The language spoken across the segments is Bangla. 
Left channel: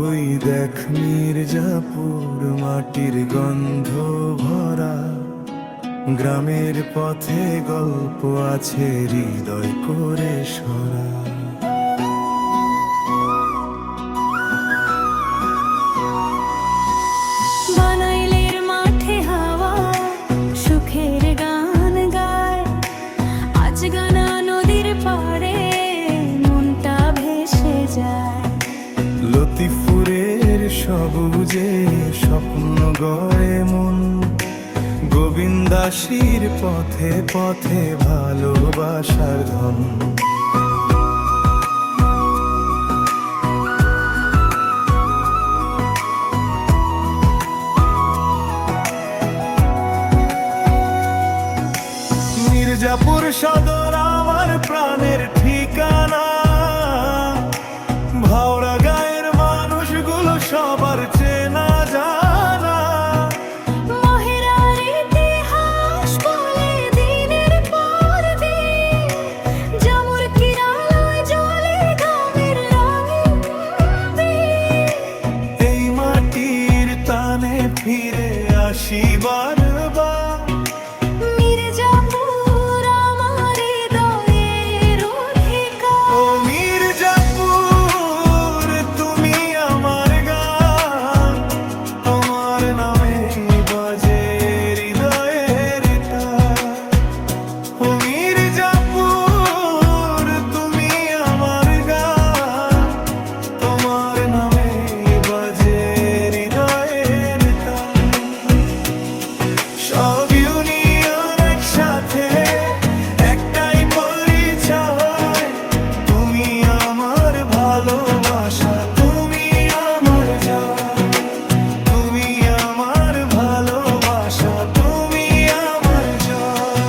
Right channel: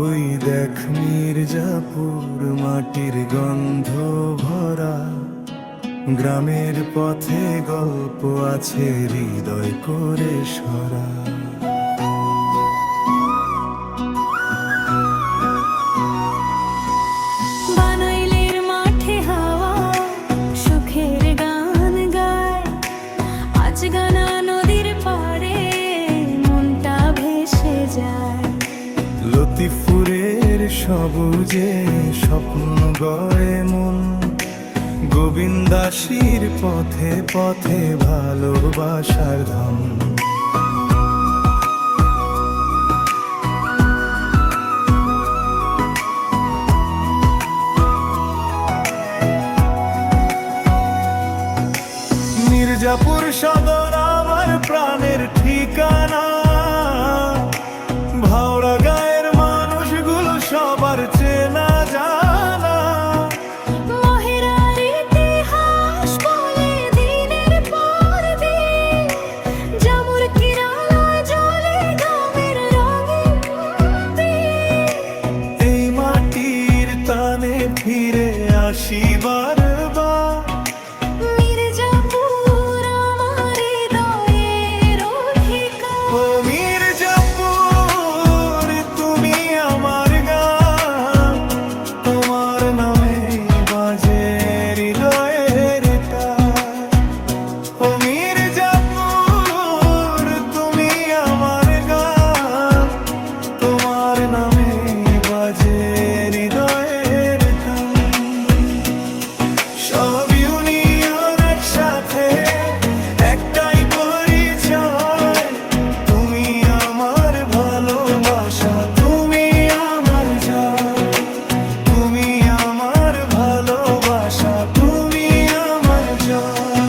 ওই দেখ মির্জাপুর মাটির গন্ধ ভরা, গ্রামের পথে গল্প আছে হৃদয় করে সরা। বানাইলের মাঠে হাওয়া সুখের গান গায়, আজ গানা নদীর পাড়ে মনটা ভেসে যায়। লতিফুরের সবুজে স্বপ্ন গড়ে মন, গোবিন্দাসীর পথে পথে ভালোবাসার ধন। মির্জাপুর সদর আমার প্রাণের ঠিকানা, ভাওড়া গায়ের মানুষগুলো সবার চেনা জানা। মহেরার ইতিহাস বলে দিনের পর দিন, জামুর কিরালয় জ্বলে গ্রামের রঙিন দিন। এই মাটির টানে ফিরে আসি বারবার, মির্জাপুর আমার হৃদয়ের অধিকার। ও মির্জাপুর তুমি আমার গান, তোমার নামে বাজে হৃদয়ের তার। ও মির্জাপুর তুমি আমার গান, তোমার নামে বাজে হৃদয়ের তার। সব ইউনিয়ন একসাথে একটাই পরিচয়, তুমি আমার ভালোবাসা, তুমি আমার জয়। তুমি আমার ভালোবাসা, তুমি আমার জয়।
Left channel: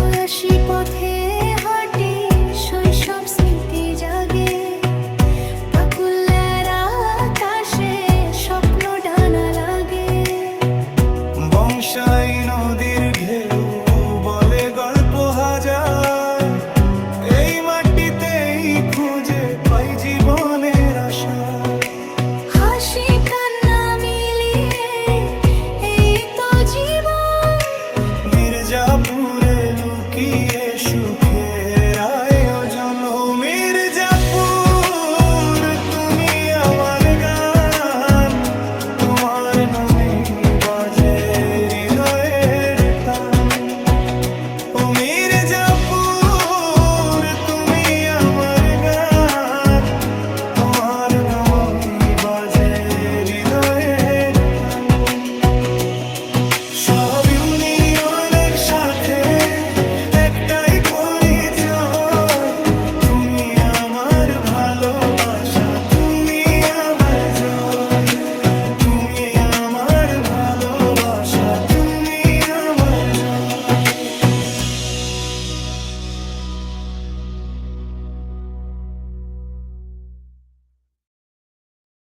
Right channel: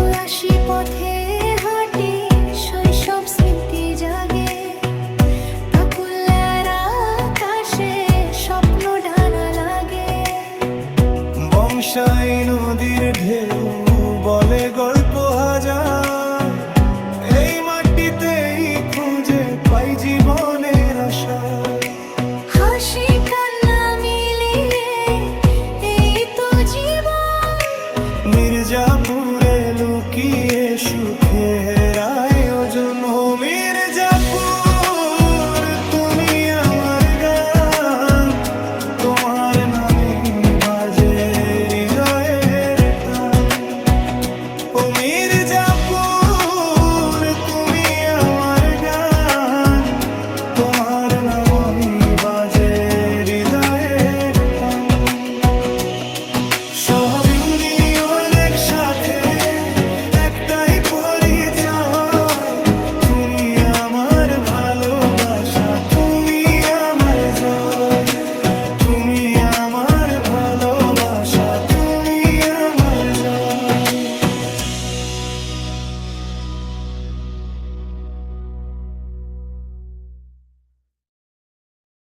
উদাসী পথে হাঁটি শৈশব স্মৃতি জাগে, পাকুলের আকাশে স্বপ্ন ডানা লাগে। বংশাই নদীর ঢেউ বলে গল্প হাজার, এই মাটিতেই খুঁজে পাই জীবনের আশা। হাসি কান্না মিলিয়ে এই তো জীবন, মির্জাপুরে লুকিয়ে সুখের আয়োজন। ও মির্জা